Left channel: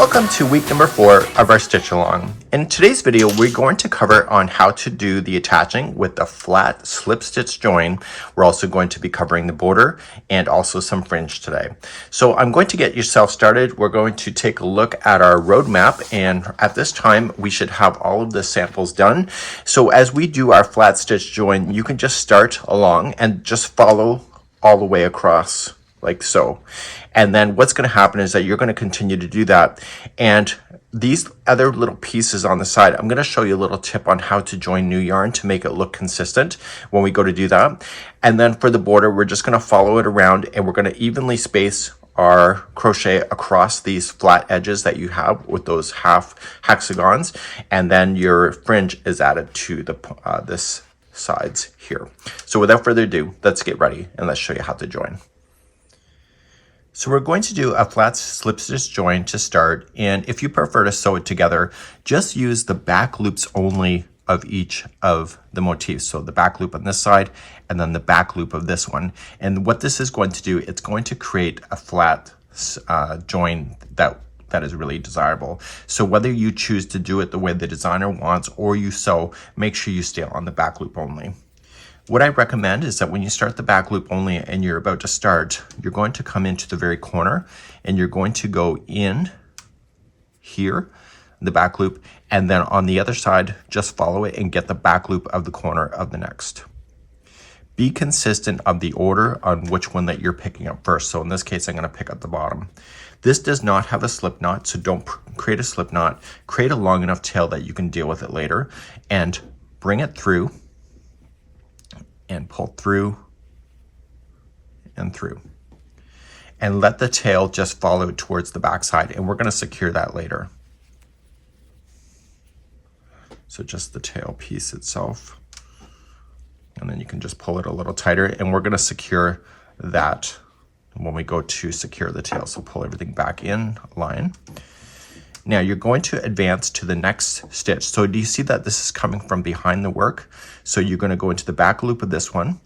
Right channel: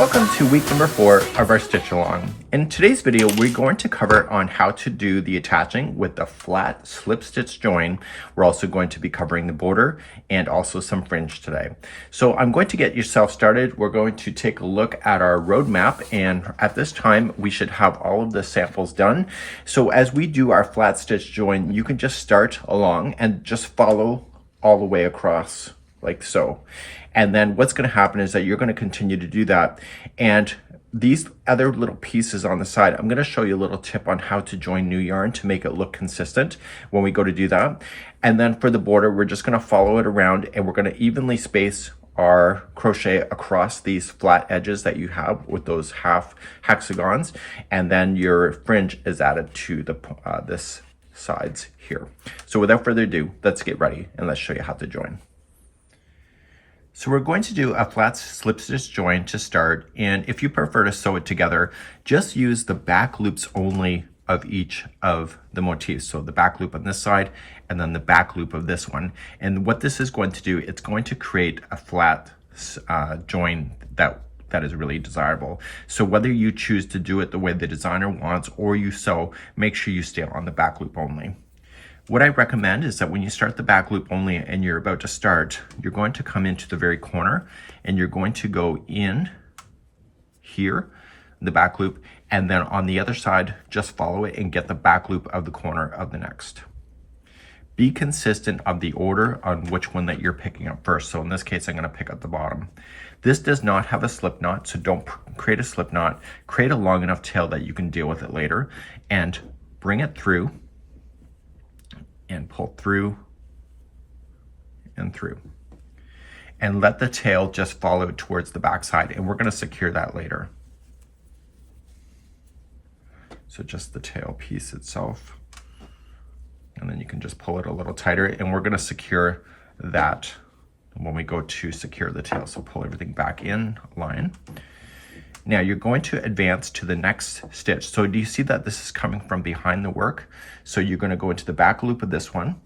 Welcome to week number 4 of our stitch along. In today's video, we're going to cover on how to do the attaching with the flat slip stitch join. We're also going to be covering the border and also some fringe today. So I'm going to get yourself started. We're going to take a look at our roadmap, and at this time we should have all of the samples done. So as we do our flat stitch join, you can just start along and just follow all the way across like so. And then what's going to happen is that you're going to continue to do that. And these other little pieces on the side, I'm going to show you a little tip on how to join new yarn to make it look consistent when we go to do that. And then for the border, we're just going to follow it around, and we're going to evenly space our crochet across these flat edges that you have with those half hexagons. And then your fringe is added to the this sides here. So without further ado, let's get ready and let's show you how to join. So we're going to do a flat slip stitch join to start, and if you prefer to sew it together, just use the back loops only of each of the motifs. So the back loop on this side and then the back loop of this one. And what this is going to do, it's going to create a flat join that is really desirable. So whether you choose to do it the way the designer wants or you sew, make sure you stay on the back loop only. What I recommend is that when you start the back loop only and you're about to start, you're going to come into the very corner and you're going to go in here, the back loop, and then on the other side, just follow it and get the back loop of the corner of the next. Be consistent of the order on which one that you're picking up first. So in this case, I'm going to pick up the bottom. This does not have a slip knot, so don't create a slip knot. Create a long enough tail that you can deal with it later and bring it through and pull through and through, and let the tail just follow towards the back side, and we're going to secure that later. So just the tail piece itself, and then you can just pull it a little tighter, and we're going to secure that when we go to secure the tail. So pull everything back in line. Now you're going to advance to the next stitch. So do you see that this is coming from behind the work? So you're going to go into the back loop of this one.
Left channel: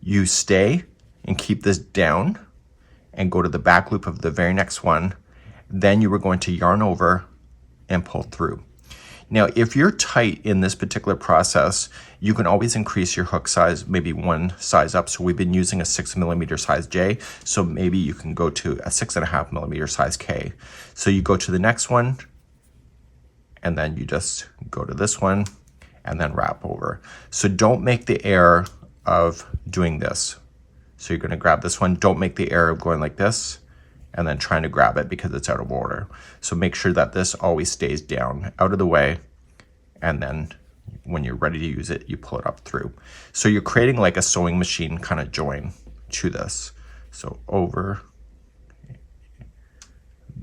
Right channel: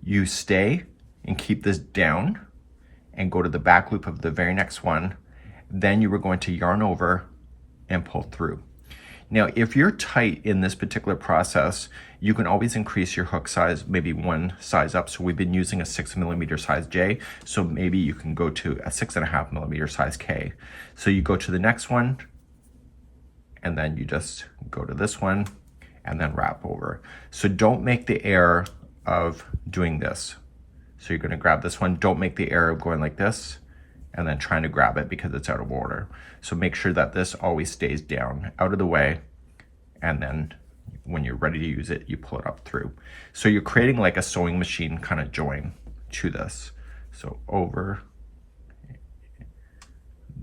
You stay and keep this down and go to the back loop of the very next one. Then you were going to yarn over and pull through. Now, if you're tight in this particular process, you can always increase your hook size, maybe one size up. So we've been using a 6mm size J, so maybe you can go to a 6.5mm size K. So you go to the next one, and then you just go to this one, and then wrap over. So don't make the error of doing this. So you're gonna grab this one. Don't make the error of going like this, and then trying to grab it because it's out of order. So make sure that this always stays down, out of the way, and then when you're ready to use it, you pull it up through. So you're creating like a sewing machine kind of join to this. So over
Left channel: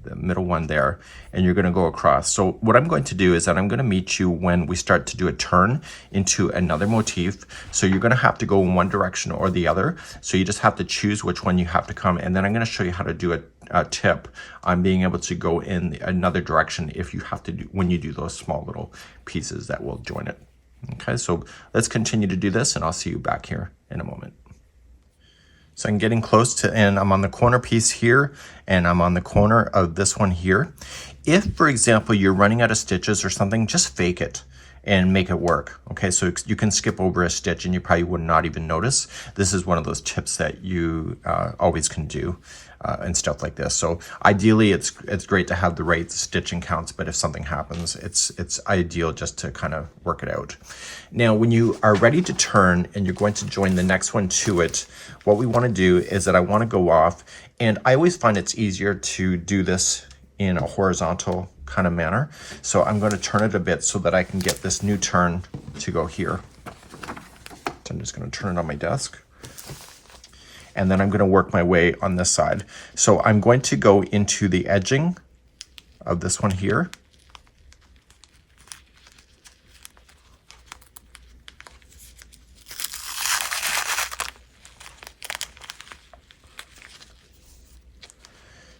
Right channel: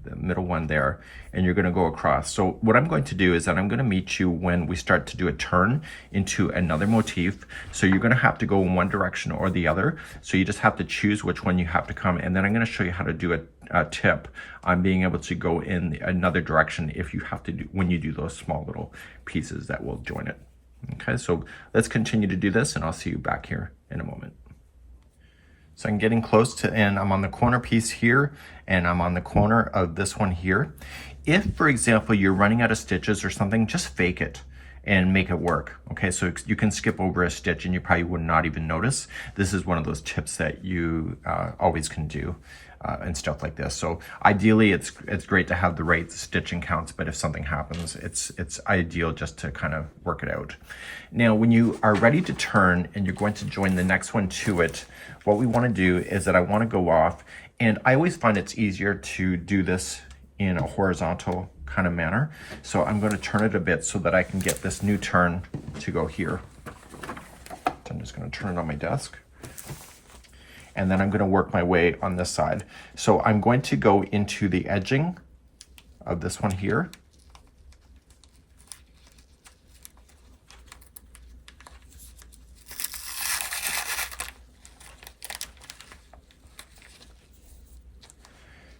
the middle one there, and you're gonna go across. So what I'm going to do is that I'm gonna meet you when we start to do a turn into another motif. So you're gonna have to go in one direction or the other. So you just have to choose which one you have to come, and then I'm gonna show you how to do a tip on being able to go in another direction if you have to do, when you do those small little pieces that will join it. Okay, so let's continue to do this, and I'll see you back here in a moment. So I'm getting close to, and I'm on the corner piece here, and I'm on the corner of this one here. If, for example, you're running out of stitches or something, just fake it and make it work. Okay, so you can skip over a stitch and you probably would not even notice. This is one of those tips that you always can do and stuff like this. So ideally, it's great to have the right stitching counts, but if something happens, it's ideal just to kind of work it out. Now, when you are ready to turn and you're going to join the next one to it, what we want to do is that I want to go off, and I always find it's easier to do this in a horizontal kind of manner. So I'm going to turn it a bit so that I can get this new turn to go here. So I'm just going to turn it on my desk. And then I'm going to work my way on this side. So I'm going to go into the edging of this one here.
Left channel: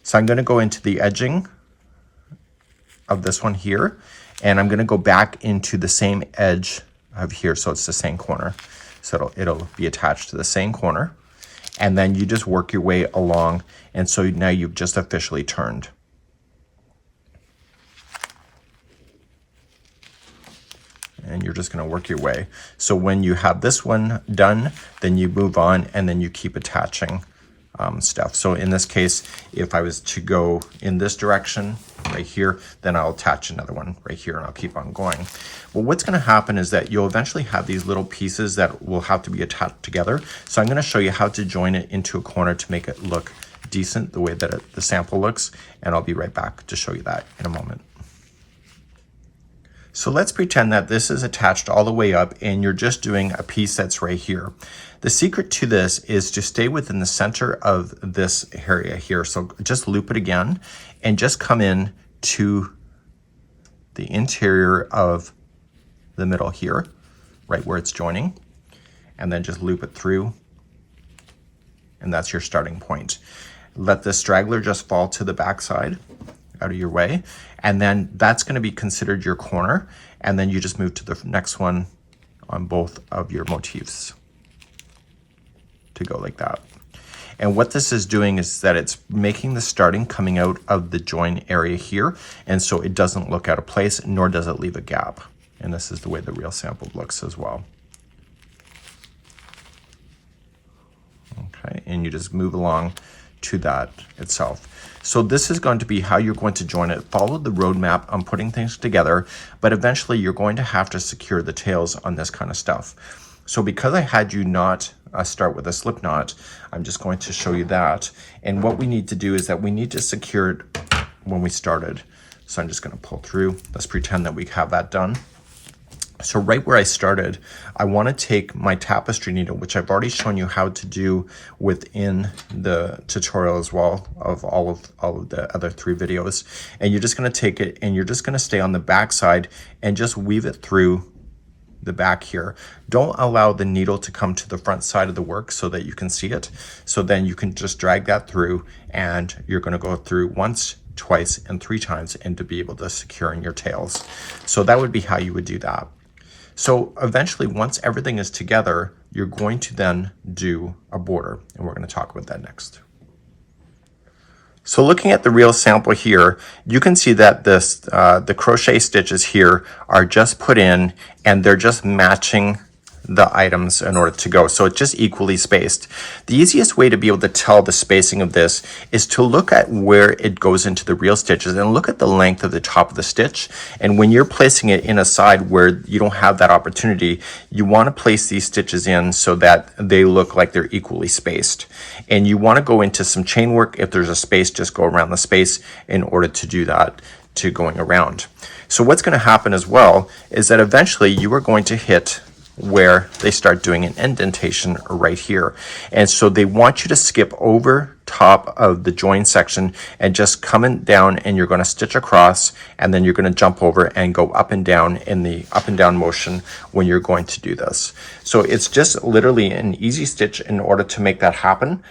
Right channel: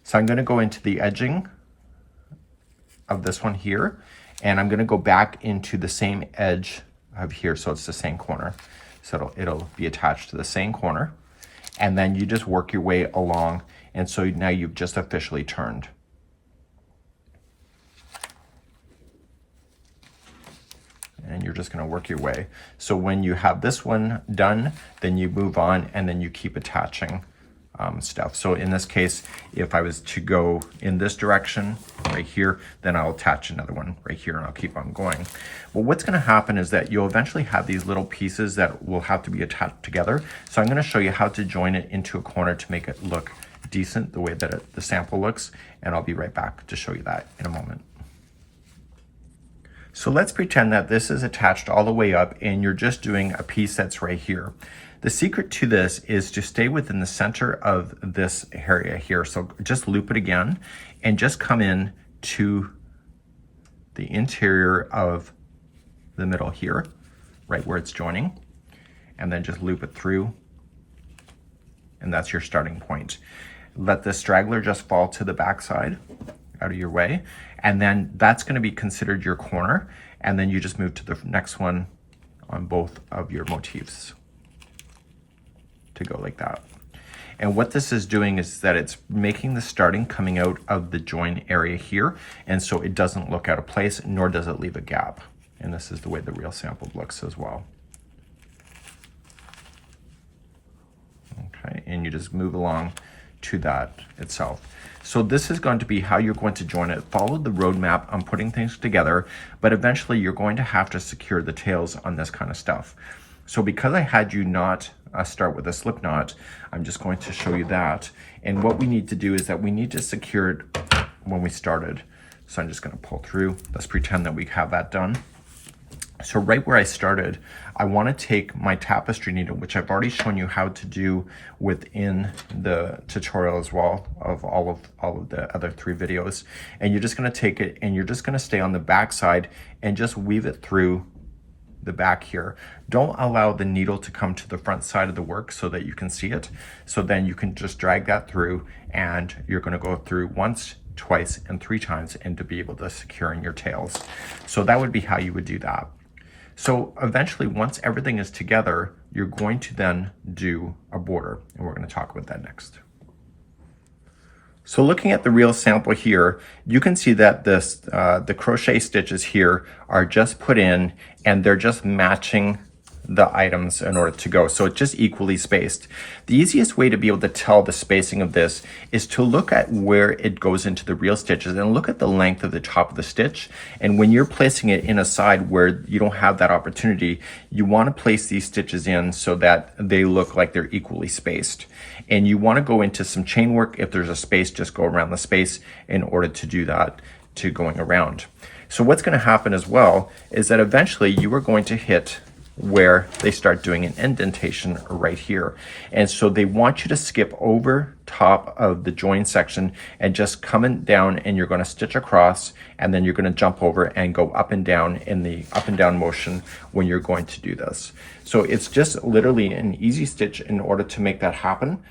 So I'm going to go into the edging of this one here, and I'm going to go back into the same edge of here, so it's the same corner. So it'll be attached to the same corner, and then you just work your way along, and so now you've just officially turned. just going to work your way. So when you have this one done, then you move on and then you keep attaching stuff. So in this case, if I was to go in this direction right here, then I'll attach another one right here and I'll keep on going. Well, what's going to happen is that you'll eventually have these little pieces that will have to be attached together. So I'm going to show you how to join it into a corner to make it look decent the way that the sample looks, and I'll be right back to show you that in a moment. So let's pretend that this is attached all the way up and you're just doing a piece that's right here. The secret to this is to stay within the center of this area here. So just loop it again and just come in to the interior of the middle here, right where it's joining, and then just loop it through, and that's your starting point. Let the straggler just fall to the back side out of your way, and then that's going to be considered your corner, and then you just move to the next one on both of your motifs to go like that. And what this is doing is that it's making the starting coming out of the join area here, and so it doesn't look out of place, nor does it leave a gap. And this is the way the real sample looks as well. Okay, and you just move along to that itself. So this is going to be how you're going to join it. Follow the roadmap on putting things together, but eventually you're going to have to secure the tails on this kind of stuff. So because I had you not start with a slip knot, I'm just going to show you that. And what we need to do is that we need to secure it when we started. So I'm just going to pull through. Let's pretend that we have that done. So right where I started, I want to take my tapestry needle, which I've already shown you how to do within the tutorial as well of all of the other 3 videos. And you're just going to take it and you're just going to stay on the back side and just weave it through the back here. Don't allow the needle to come to the front side of the work so that you can see it. So then you can just drag that through, and you're going to go through once, twice, and 3 times, and to be able to secure in your tails. So that would be how you would do that. So eventually, once everything is together, you're going to then do a border, and we're going to talk about that next. So looking at the real sample here, you can see that this the crochet stitches here are just put in, and they're just matching the items in order to go. So it's just equally spaced. The easiest way to be able to tell the spacing of this is to look at where it goes into the real stitches and look at the length of the top of the stitch. And when you're placing it in a side where you don't have that opportunity, you want to place these stitches in so that they look like they're equally spaced. And you want to go into some chain work. If there's a space, just go around the space in order to do that, to going around. So what's going to happen as well is that eventually you are going to hit where they start doing an indentation right here. And so they want you to skip over top of the join section and just coming down, and you're going to stitch across, and then you're going to jump over and go up and down in the up and down motion when you're going to do this. So it's just literally an easy stitch in order to make that happen.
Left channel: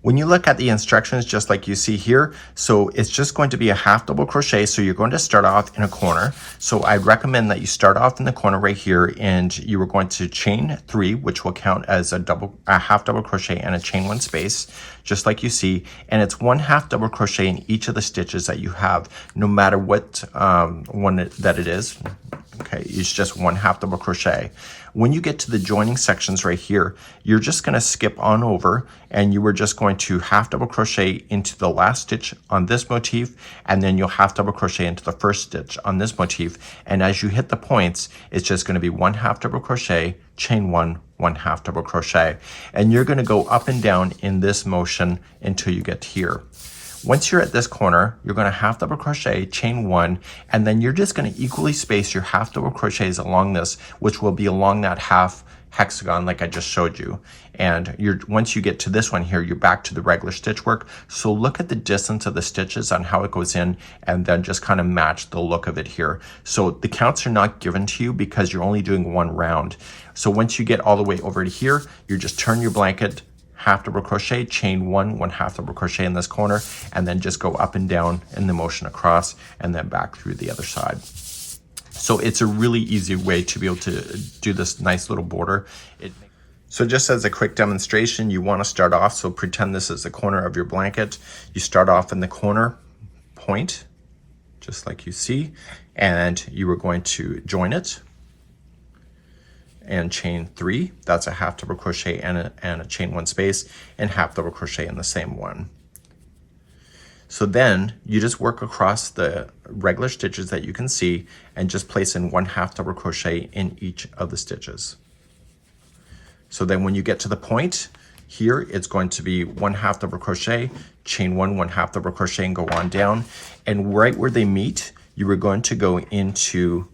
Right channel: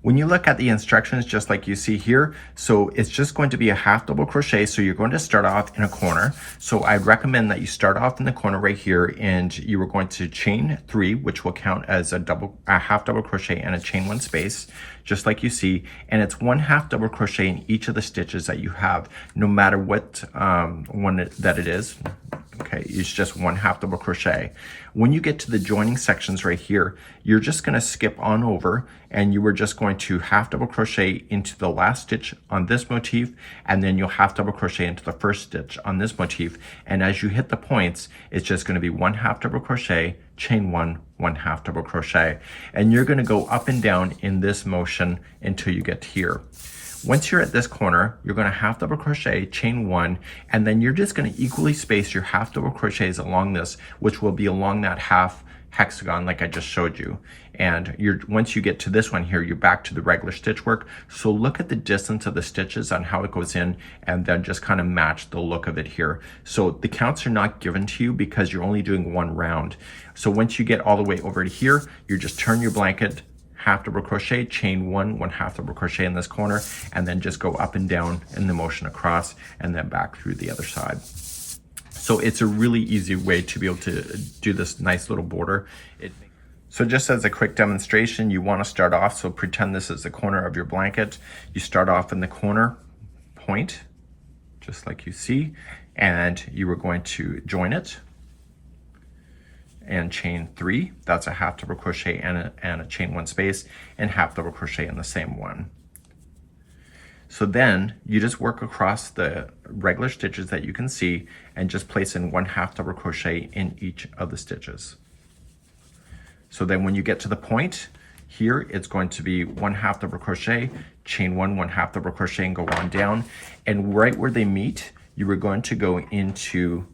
When you look at the instructions, just like you see here, so it's just going to be a half double crochet. So you're going to start off in a corner. So I'd recommend that you start off in the corner right here, and you are going to chain 3, which will count as a half double crochet and a chain 1 space, just like you see. And it's 1 half double crochet in each of the stitches that you have, no matter what one that it is. Okay, it's just 1 half double crochet. When you get to the joining sections right here, you're just going to skip on over, and you are just going to half double crochet into the last stitch on this motif, and then you'll half double crochet into the first stitch on this motif. And as you hit the points, it's just going to be 1 half double crochet, chain 1, 1 half double crochet. And you're going to go up and down in this motion until you get here. Once you're at this corner, you're going to half double crochet, chain 1, and then you're just going to equally space your half double crochets along this, which will be along that half hexagon like I just showed you. And once you get to this one here, you're back to the regular stitch work. So look at the distance of the stitches on how it goes in, and then just kind of match the look of it here. So the counts are not given to you because you're only doing 1 round. So once you get all the way over to here, you just turn your blanket, half double crochet, chain 1, 1 half double crochet in this corner, and then just go up and down in the motion across, and then back through the other side. So it's a really easy way to be able to do this nice little border. So just as a quick demonstration, you want to start off, so pretend this is the corner of your blanket. You start off in the corner point, just like you see, and you are going to join it. and chain 3. That's a half double crochet and a chain 1 space, and half double crochet in the same one. So then you just work across the regular stitches that you can see and just place in 1 half double crochet in each of the stitches. So then when you get to the point here, it's going to be 1 half double crochet, chain 1, 1 half double crochet, and go on down. And right where they meet, you are going to go into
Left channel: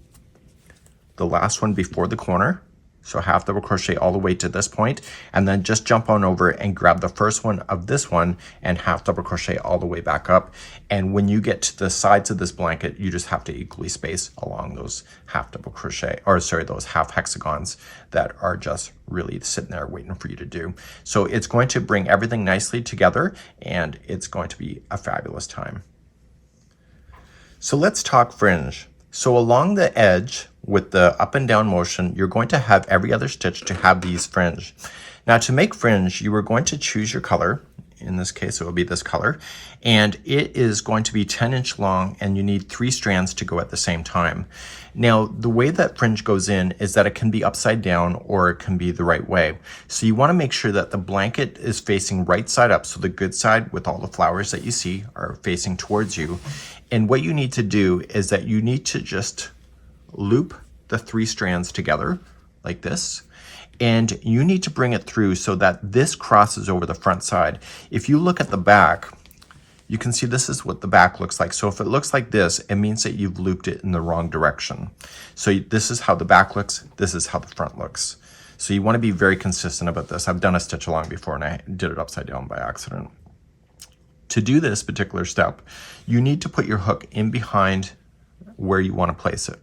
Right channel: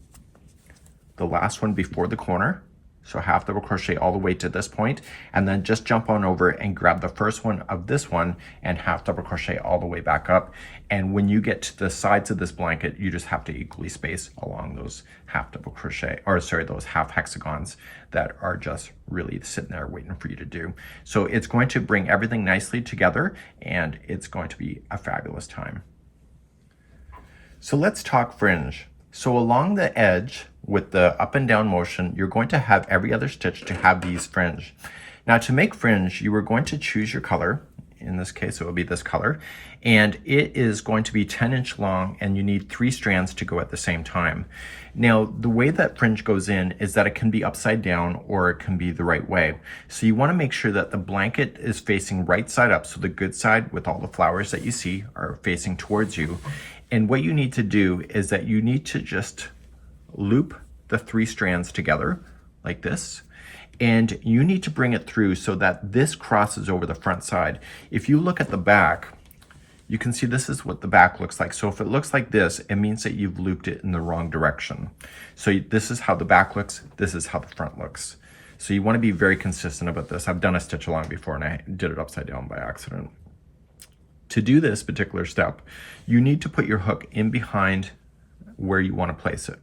the last one before the corner. So half double crochet all the way to this point, and then just jump on over and grab the first one of this one and half double crochet all the way back up. And when you get to the sides of this blanket, you just have to equally space along those half double crochet, or sorry, those half hexagons that are just really sitting there waiting for you to do. So it's going to bring everything nicely together, and it's going to be a fabulous time. So let's talk fringe. So along the edge with the up and down motion, you're going to have every other stitch to have these fringe. Now to make fringe, you are going to choose your color. In this case, it will be this color, and it is going to be 10-inch long, and you need 3 strands to go at the same time. Now, the way that fringe goes in is that it can be upside down or it can be the right way. So you want to make sure that the blanket is facing right side up, so the good side with all the flowers that you see are facing towards you. And what you need to do is that you need to just loop the 3 strands together like this, and you need to bring it through so that this crosses over the front side. If you look at the back, you can see this is what the back looks like. So if it looks like this, it means that you've looped it in the wrong direction. So this is how the back looks, this is how the front looks. So you want to be very consistent about this. I've done a stitch along before and I did it upside down by accident. To do this particular step, you need to put your hook in behind where you want to place it,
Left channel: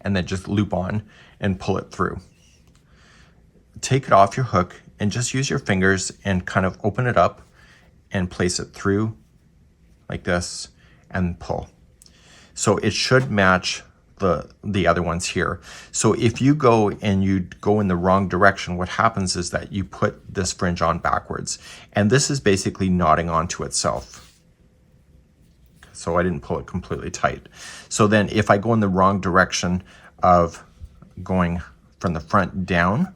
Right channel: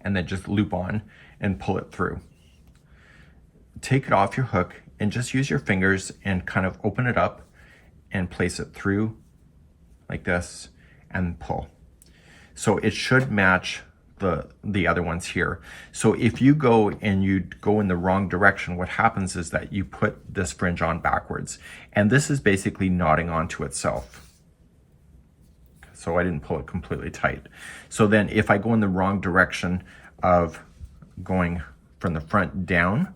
and then just loop on and pull it through. Take it off your hook and just use your fingers and kind of open it up and place it through like this and pull. So it should match the other ones here. So if you go and you go in the wrong direction, what happens is that you put this fringe on backwards, and this is basically knotting onto itself. So I didn't pull it completely tight. So then if I go in the wrong direction of going from the front down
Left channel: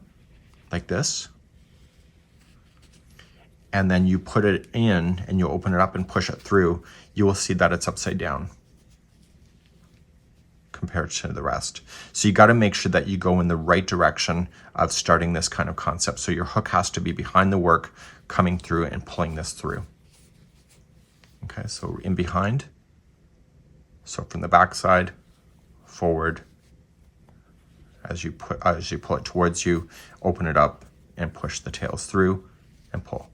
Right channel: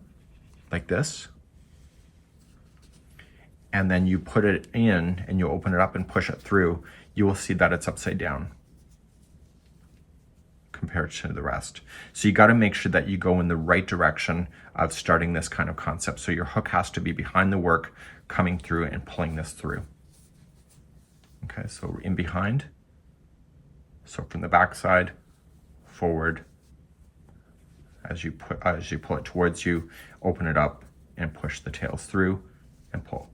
like this, and then you put it in and you open it up and push it through, you will see that it's upside down compared to the rest. So you got to make sure that you go in the right direction of starting this kind of concept. So your hook has to be behind the work, coming through and pulling this through. Okay, so in behind. So from the back side, forward, as you pull it towards you, open it up and push the tails through and pull.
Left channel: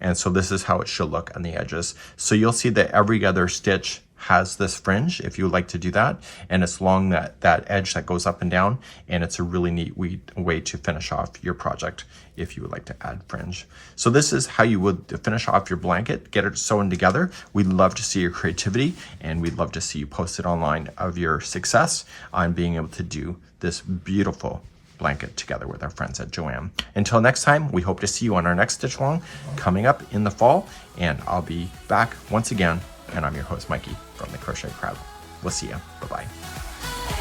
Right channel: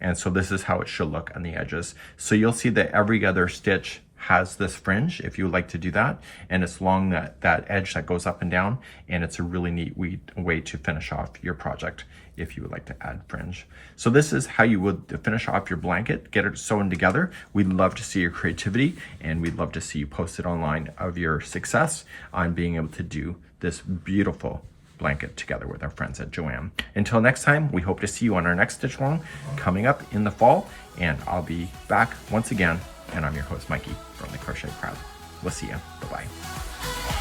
And so this is how it should look on the edges. So you'll see that every other stitch has this fringe if you would like to do that, and it's along that edge that goes up and down, and it's a really neat way to finish off your project if you would like to add fringe. So this is how you would finish off your blanket, get it sewn together. We'd love to see your creativity, and we'd love to see you post it online of your success on being able to do this beautiful blanket together with our friends at Joanne. Until next time, we hope to see you on our next stitch along coming up in the fall, and I'll be back once again. And I'm your host, Mikey, from the Crochet Crowd. We'll see you. Bye-bye.